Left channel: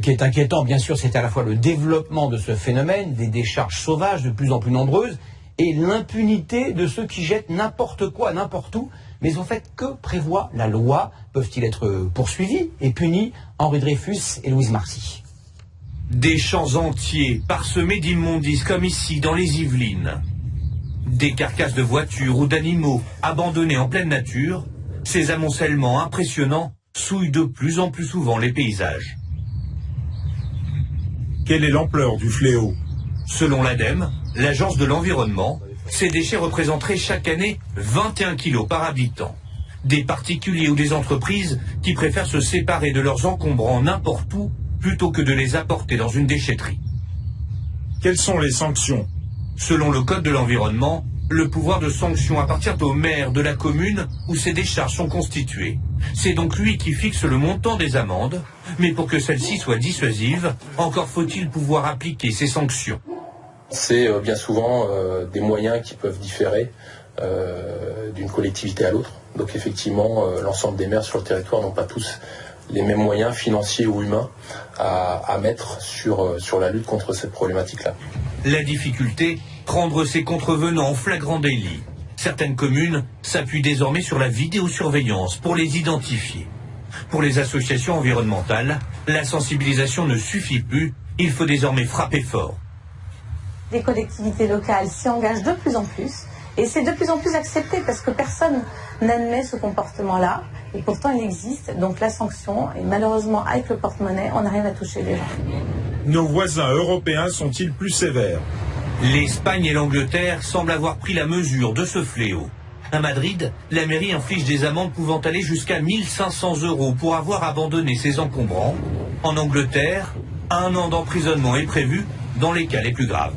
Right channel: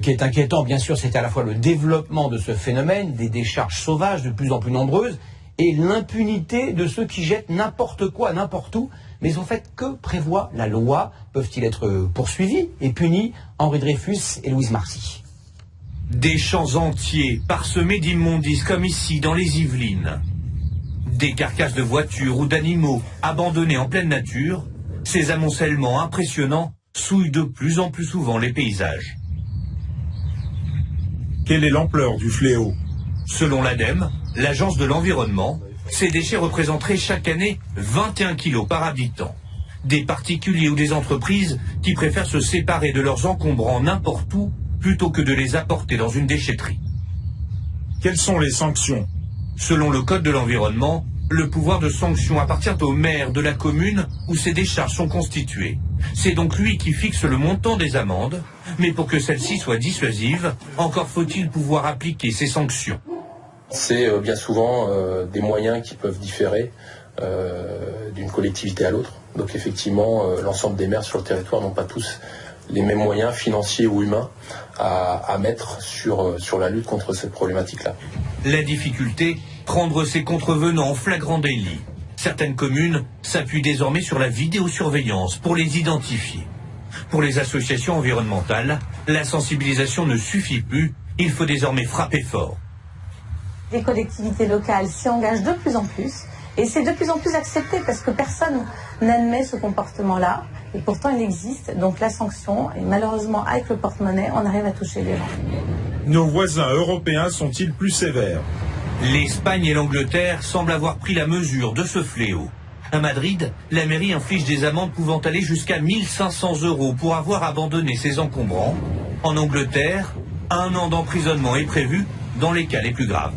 Ce qui est inquiétant, bien sûr, c'est à la fois le développement de ce phénomène, des décharges sauvages de plus en plus nombreuses, et l'impunité de ceux qui jettent n'importe quoi, n'importe où. Mais en fait, que prévoit la loi? Peuvent-ils être poursuivis et punis? Henri Dreyfus et Louise Marcy. Des champs entiers parsemés d'immondices comme ici dans les Yvelines. Des carcasses de voitures ou d'animaux abandonnés en pleine nature, ces amoncellements impressionnants souillent de plus en plus souvent les paysages. Quelle est l'ampleur du fléau? Selon l'ADEME, l'Agence de l'environnement, ces déchets représenteraient chaque année 21 kilos par habitant. Des particuliers ou des entreprises qui préfèrent se séparer de leurs encombrants n'importe où plutôt que de les apporter dans une déchetterie. Quelles sont les sanctions? Selon le Code de l'environnement, le pouvoir de sanction appartient au maire de la commune où ces décharges sont constituées. C'est donc lui qui fixe le montant des amendes, mais pour que celles-ci soient dissuasives, encore faut-il pouvoir appliquer ces sanctions. C'est bien souvent des moyens qui peuvent différer d'une collectivité à l'autre. Donc effectivement, l'ensemble des maires sur le territoire n'ont pas tous les mêmes moyens financiers ou humains à mettre sur la lutte contre cette problématique-là. La difficulté, prendre ces contrevenants en flagrant délit. Certaines communes s'appuient désormais sur la vidéosurveillance pour les identifier. Pour les associations environnementales, la sensibilisation ne suffit plus, il faut désormais frapper fort. Les collectivités locales s'y engagent de plus en plus et c'est de plus en plus accepté parce que personne n'admet ce comportement-là et pourtant il existe, donc la sanction, et malheureusement avec le porte-monnaie, on arrive à toucher les gens. Nos voisins européens sont-ils plus sévères? L'Espagne et l'Angleterre semblent avoir pris la mesure de ce fléau. À Madrid, la mairie inflige des amendes pouvant aller jusqu'à 1 500 € pour avoir abandonné ses encombrants. En Angleterre, 1 an d'emprisonnement est prévu dans les cas les plus graves.